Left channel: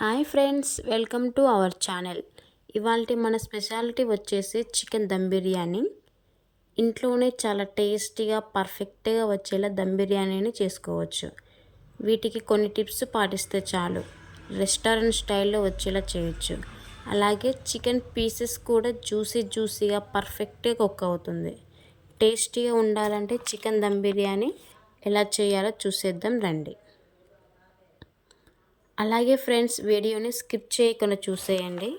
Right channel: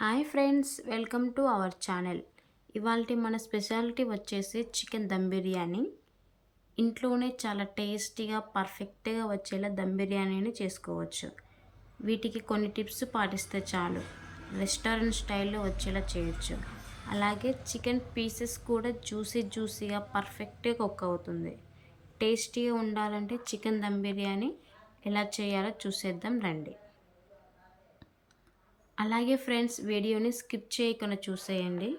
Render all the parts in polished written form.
Hi friends, welcome to our channel. ఇవాళ మన speciality వచ్చేసి చికెన్ దమ్ బిర్యానీ. ఇంట్లోనే చాలా టేస్టీగా పర్ఫెక్ట్గా వచ్చేలా దమ్ బిర్యానీని చేసుకోవచ్చు. వీటికి కొన్ని టిప్స్ పాటిస్తే చాలు రెస్టారెంట్ స్టైల్లో వచ్చేలా చేయొచ్చు. అలాగే చికెన్ పీసెస్ కూడా జ్యూసీగా పర్ఫెక్ట్గా కుక్ అవుతుంది. టేస్టీగా ఉండాలంటే చికెన్ దమ్ బిర్యానీ ఎలా చేయాలో చూసేద్దాం రండి. అలాగే ఫ్రెండ్స్, వీడియోని స్కిప్ చేయకుండా చూసేయండి.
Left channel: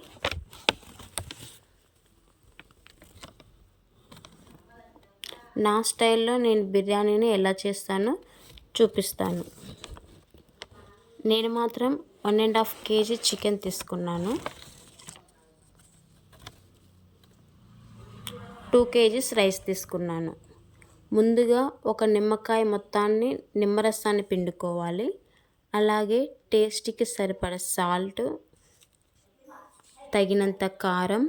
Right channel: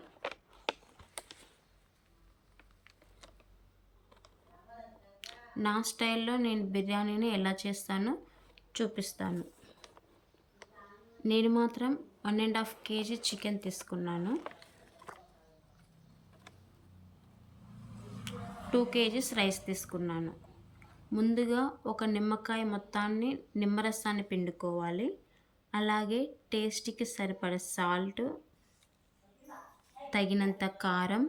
నా స్టైల్లో నేను బిర్యానీని ఎలా చేస్తానో చూపిస్తాను. నేను మాత్రం 1.5 kg చికెన్ తీసుకున్నాను. 2 kgs రైస్ తీసుకున్నాను. ముందుగా ఒక నిమ్మకాయ మొత్తాన్ని నిమ్మరసాన్ని పిండుకోవాలి. అలాగే టేస్ట్కి సరిపడ సాల్ట్, తగినంత కారం,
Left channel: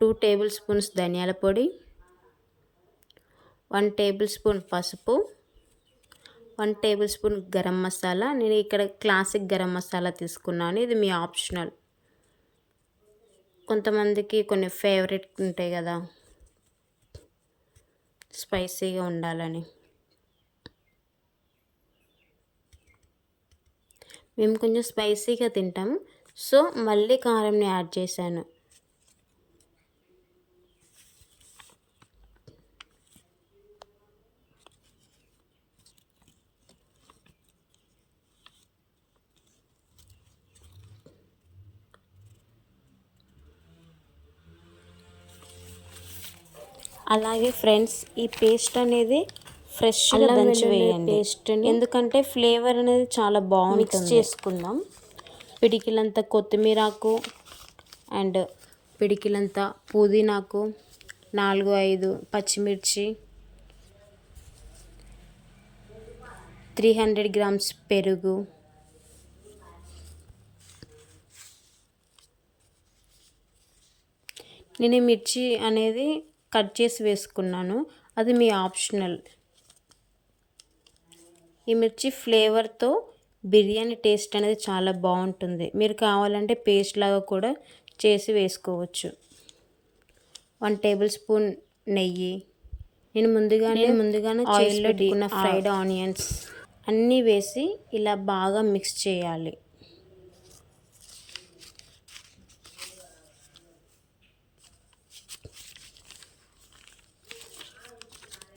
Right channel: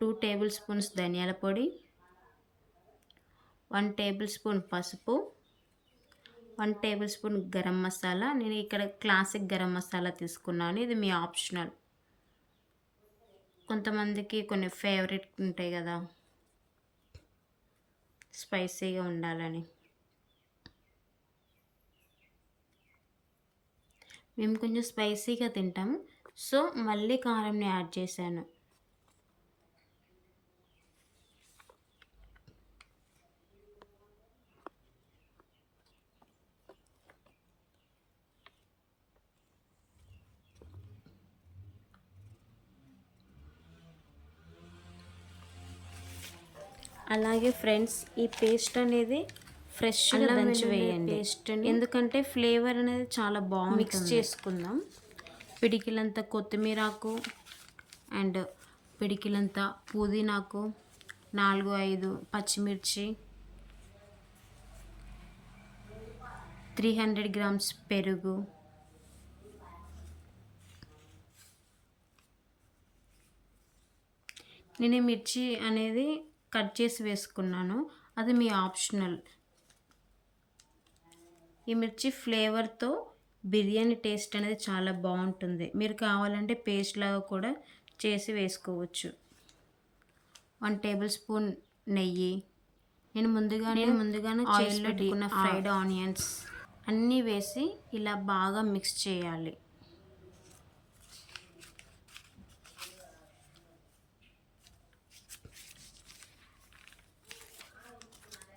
2 టేబుల్ స్పూన్స్ ధనియాల పొడి, 1 టేబుల్ స్పూన్ పసుపు, 1 టేబుల్ స్పూన్ గరం మసాలా. నేను ఇక్కడ క్లాసిక్ గరం మసాలా తీసుకున్నాను. ఇది మీ ఆప్షనల్. కొంతమందికి కొన్ని ఫేవరెట్ ఉంటాయి కదా, స్పైసీగా ఉండాలని. మేము కొంచెం స్పైసీగా తింటాము, సో మళ్ళీ కారంని యాడ్ చేశాను. అలాగే ఫ్రెండ్స్, ఈ పేస్ట్ అనేది ఫ్రెష్గా దంచి వేయండి. ఎందుకంటే ఫ్లేవర్ అనేది చాలా బాగుంటుంది. మిక్స్ చేసుకుందాం. పిడికిలంత కొత్తిమీరాకు అండ్ పిడికిలంత పుదీనాకు, 4-5 పచ్చిమిర్చి, 300 grams పెరుగు, నేను మిర్చి అనేది కట్ చేసి వేసుకున్నాను, అది మీ ఆప్షనల్. ఈ మిర్చి ఫ్లేవర్తో బిర్యానీ టేస్ట్ అనేది చాలా బాగుంటుంది. మీరు కావాలంటే పేస్ట్ లాగా కూడా చేసి వేసుకోవచ్చు. 1 టేబుల్ స్పూన్ నెయ్యి. నేను ముందుగానే ఆయిల్లో పెట్టుకున్న ఫ్రైడ్ ఆనియన్స్ అన్నీ వేసి ఇలా బాగా మిక్స్ చేయాలి.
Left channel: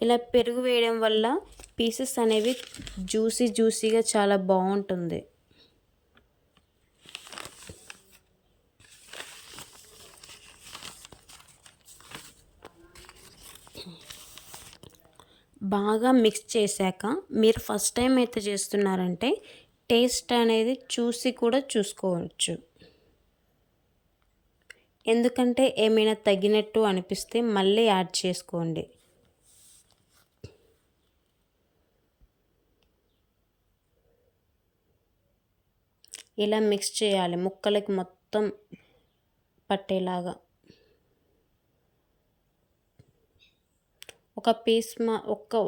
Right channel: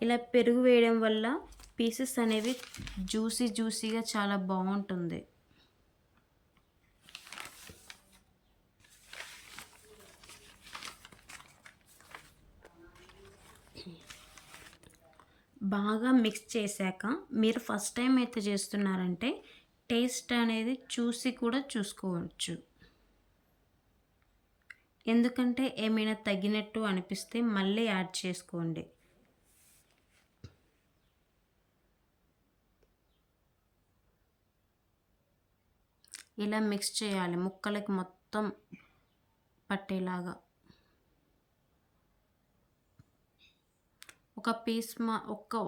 ఇలా పెరుగు వేయడం వల్ల పీసెస్ అనేవి జ్యూసీగా చాలా బాగుంటుంది. బాగా మిక్స్ చేశాక, మీరు ఫస్ట్ టైం అయితే చేస్తున్నారంటే టేస్ట్ అనేది చూసి కూడా చూసుకోవచ్చు. ఎందుకంటే ఏమైనా తగినట్టు అనిపిస్తే మళ్ళీ యాడ్ చేసుకోండి. ఇలా మిక్స్ చేయాలి, ముక్కలకి మొత్తం పట్టేలాగా. ఒక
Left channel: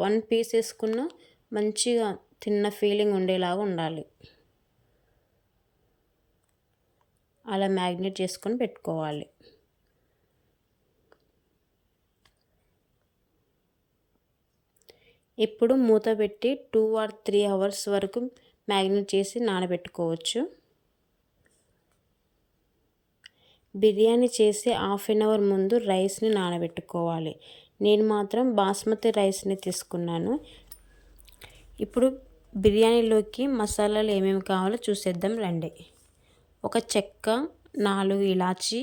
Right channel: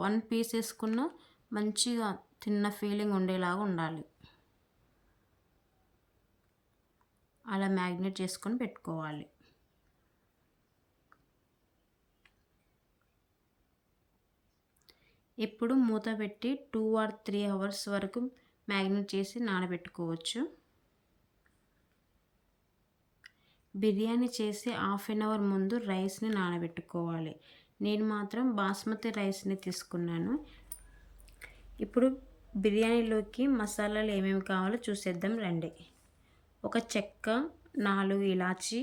1 పీస్ వేసుకున్న మంచిగా తిన్న ఫీలింగ్ ఉండేలాగా ఉండాలి. అలా మ్యాగ్నేట్ చేసుకొని పెట్టుకోవాలి. ఇప్పుడు మూత పెట్టి 2 or 3 hours వరకు మ్యాగ్నేట్ చేసి నానబెట్టుకోవచ్చు. బిర్యానీ చేసి 1/2 hour ముందు రైస్ని నానబెట్టుకోవాలి. నేను మాత్రం బాస్మతి రైస్ని తీసుకున్నాను. ఇప్పుడు బిర్యానీలోకి మసాలాలు ఏమేమి కావాలో చూసేద్దాం రండి. ఒక చెక్క, 4 ఇలాచి,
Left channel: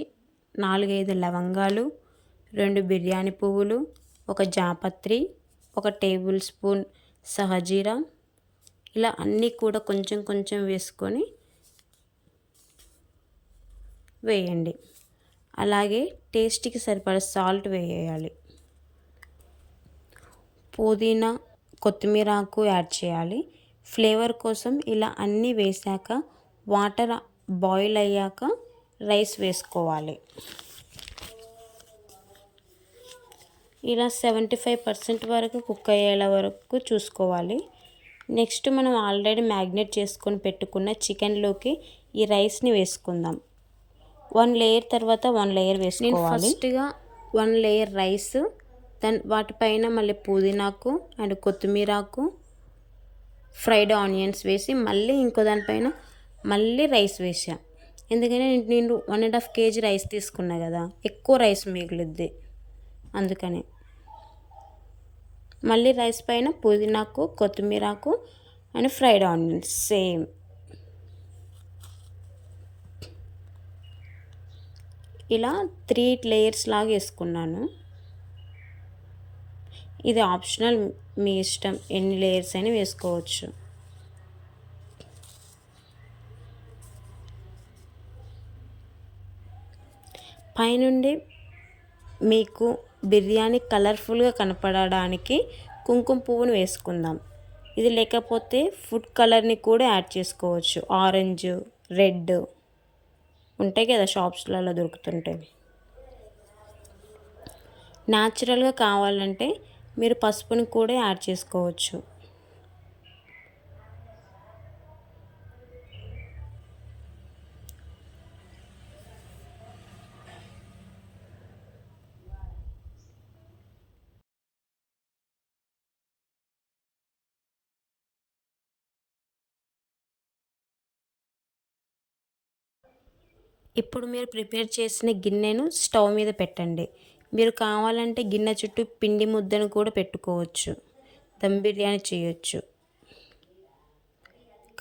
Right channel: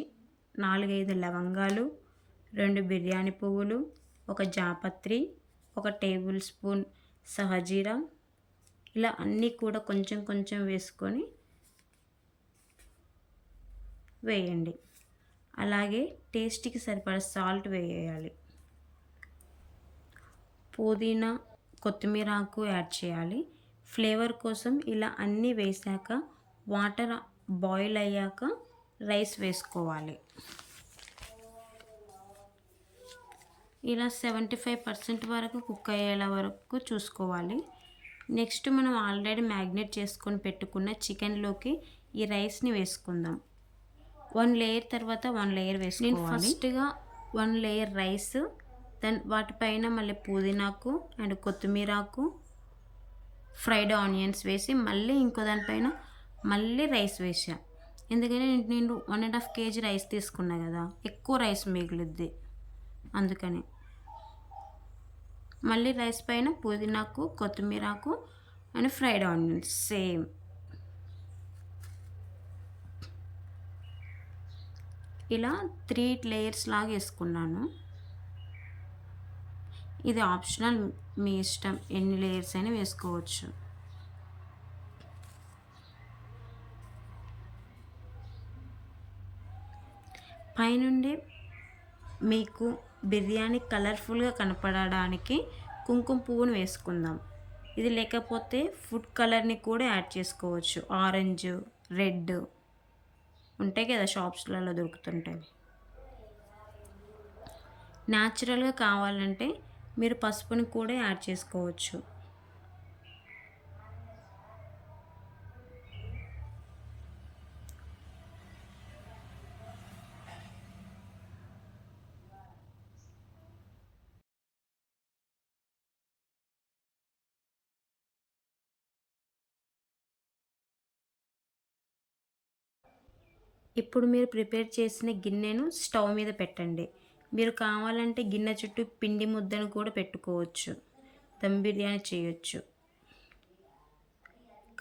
4-5 లవంగాలు, 2 బిర్యానీ పువ్వులు, ఒక జాపత్రి, 1 టేబుల్ స్పూన్ సహజీరా. ఇలా అన్నీ కూడా కొంచెం వేసుకొని వేయండి. అలాగే టేస్ట్కి సరిపడ సాల్ట్ వేయాలి. పుదీనా, కొత్తిమీర ఆకు యాడ్ చేయాలి ఫ్లేవర్ కోసం. ఇలా అన్నీ వేసాక వాటర్ బాయిల్ అయ్యాక రైస్ వేసుకోవాలి. ఇలా 75% వరకు కుక్ అయ్యేలా వరకు చూసుకోవాలి. నెక్స్ట్ మనం ఆల్రెడీ మ్యాగ్నేట్ చేసుకొని పెట్టుకున్న చికెన్లోకి ఈ రైస్ని వేసుకుందాం. 1 లేయర్ తర్వాత 1 లేయర్ వేసుకోవాలి. ఫస్ట్గా 1 లేయర్ రైస్, వాటిపైన మళ్ళీ పుదీనాకు అండ్ కొత్తిమీరాకు, ఫ్రైడ్ ఆనియన్స్ వేసి మళ్ళీ ఇంకో దానిపైన మళ్ళీ రైస్ వేసా. ఎందుకంటే నేను 1.5 kg రైస్ తీసుకున్నా కదా, ఎక్కువ రైస్ మిగులుద్ది, అందుకని మళ్ళీ రైస్ పైన పుదీనాకు, కొత్తిమీరాకు అండ్ ఫ్రైడ్ ఆనియన్స్ సేమ్. ఇలా 3 లేయర్స్ లాగా వేసుకున్నాను. ఇది ఆప్షనల్, మీ ఇష్టం, ఎన్ని లేయర్స్ అయినా వేసుకోవచ్చు. పైనుండి మీకు బిర్యానీ కలర్ఫుల్గా కనపడడానికి కుంకుమ పువ్వును వేసుకుందాం. ఇది లేకపోతే ఫుడ్ కలర్ని కూడా యాడ్ చేసుకోవచ్చు. ఆరెంజ్, రెడ్ ఉంటాయి కదా, షాప్స్లలో దొరుకుతుంటాయి. న్యాచురల్గా కావాలంటే మీరు పసుపుని కూడా యాడ్ చేసుకోవచ్చు. ఇప్పుడు మీరు ప్రిపేర్ చేసిన గిన్నెను స్టవ్ మీద పెట్టండి. మీరు కావాలంటే గిన్నె చుట్టూ పిండి ముద్దను కూడా పెట్టుకోవచ్చు, దమ్ బిర్యానీ చేయొచ్చు.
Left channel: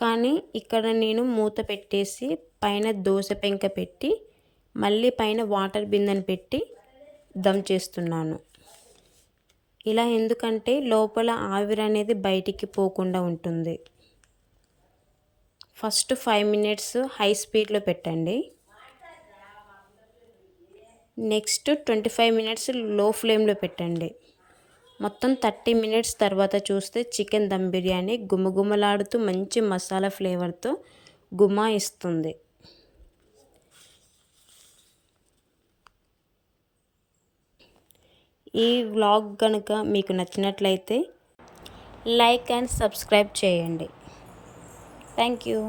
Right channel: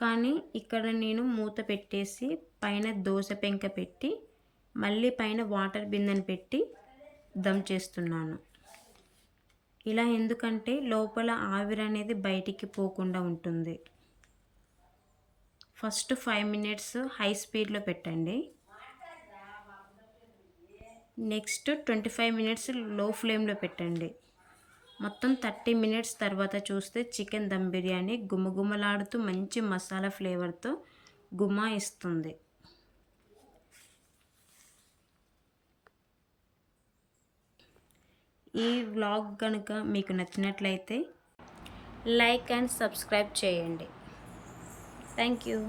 కానీ ఇక్కడ నేను మూత పెట్టేసి పైన దోశ పెంక పెట్టి మళ్ళీ పైన వాటర్ బిందెను పెట్టి దమ్ చేస్తున్నాను. ఇలా ఎందుకంటే లోపల ఆవిరి అనేది బయటికి పోకుండా ఉంటుంది. ఫస్ట్ 5 minutes హై స్పీడ్లో పెట్టండి. నెక్స్ట్ 25 minutes లో ఫ్లేమ్లో పెట్టండి. మొత్తం 30 minutes తర్వాత చూస్తే చికెన్ దమ్ బిర్యానీ గుమగుమలాడుతూ మంచి మసాలా ఫ్లేవర్తో గుమాయిస్తుంది. ఈ వ్లాగ్ కనుక మీకు నచ్చినట్లయితే లైక్ అండ్ సబ్స్క్రైబ్ చేయండి. Thank you.